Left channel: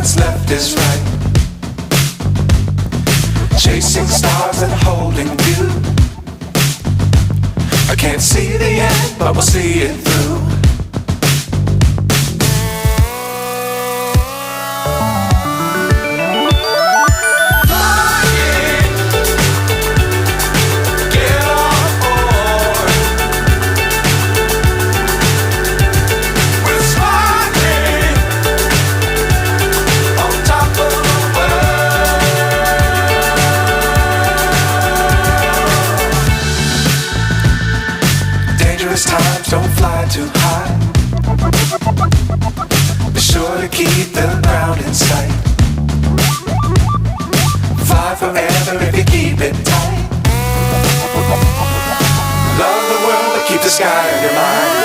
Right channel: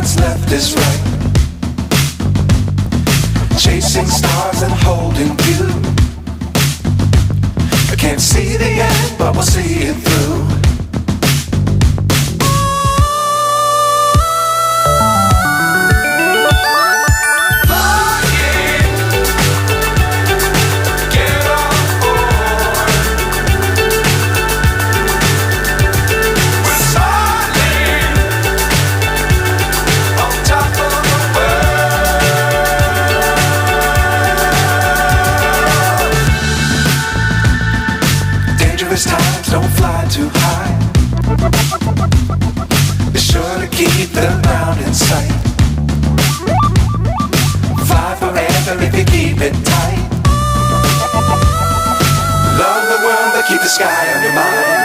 what's left is right. Chasing stars and holding you. I can't see the end, but we'll see it through. Times don't fly too high. Be sure to keep the ground in sight. Fly forever if you keep it tight. Love the world but keep the sky on your mind.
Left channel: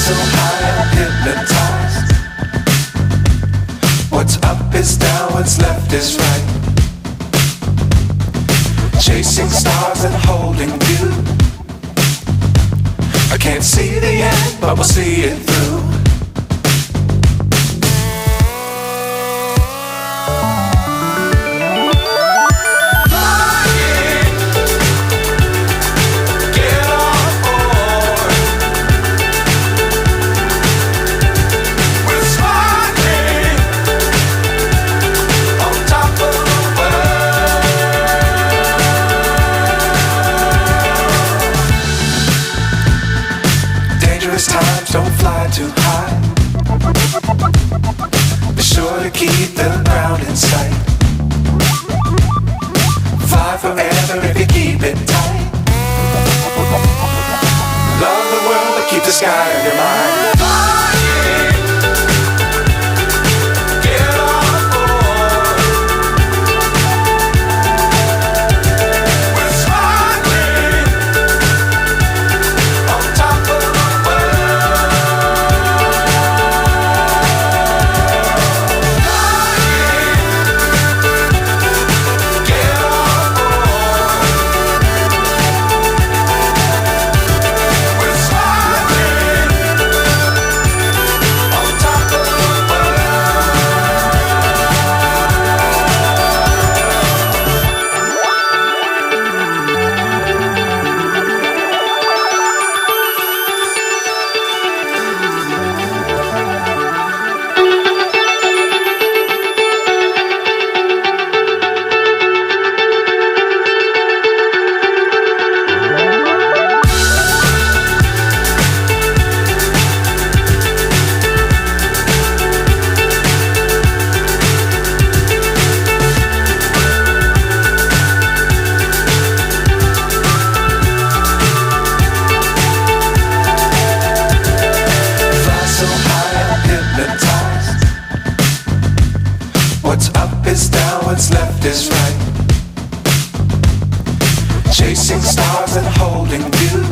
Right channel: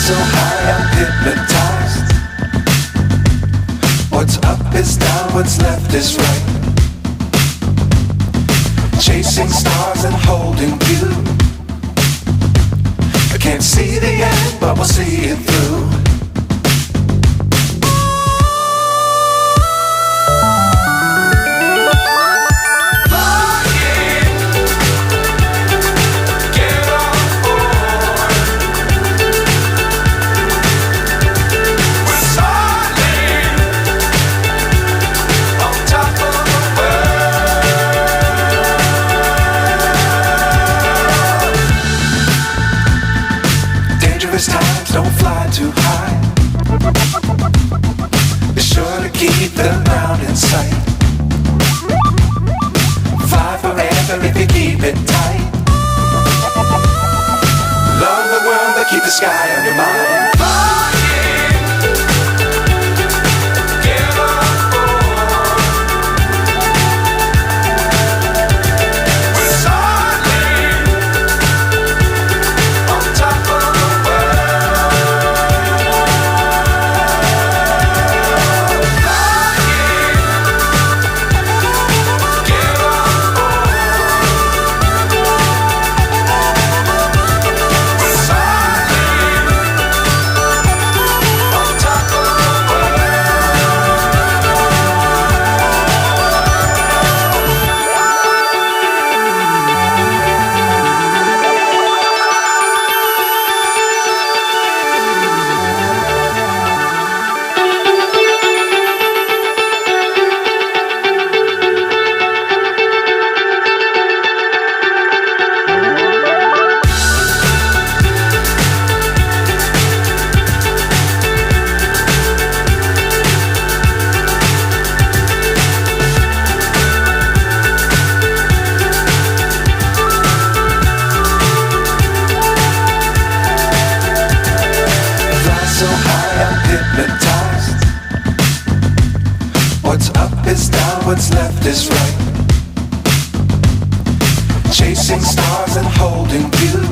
So high I'm hypnotized. What's up is down, what's left is right. Chasing stars and holding you. I can't see the end, but we'll see it through. Times don't fly too high. Be sure to keep the ground in sight. Fly forever if you keep it tight. Love the world but keep the sky on your mind. So high I'm hypnotized. What's up is down, what's left is right. Chasing stars and holding you.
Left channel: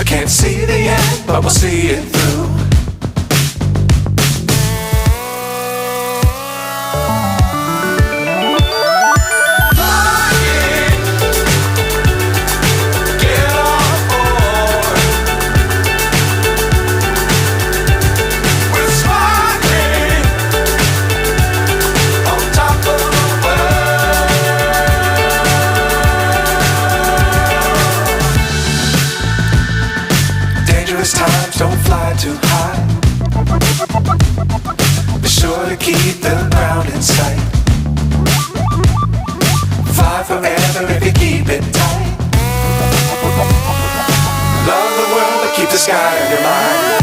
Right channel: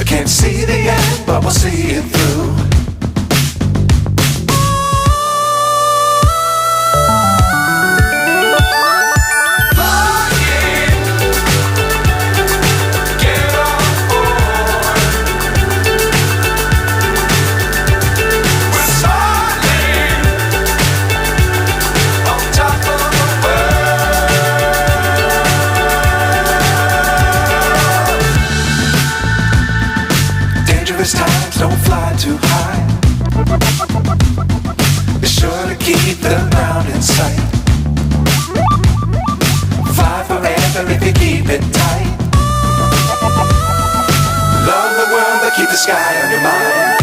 I can't see the end, but we'll see it through. don't fly too high. Be sure to keep the ground in sight. Fly forever if you keep it tight. Love the world, but keep the sky on your mind.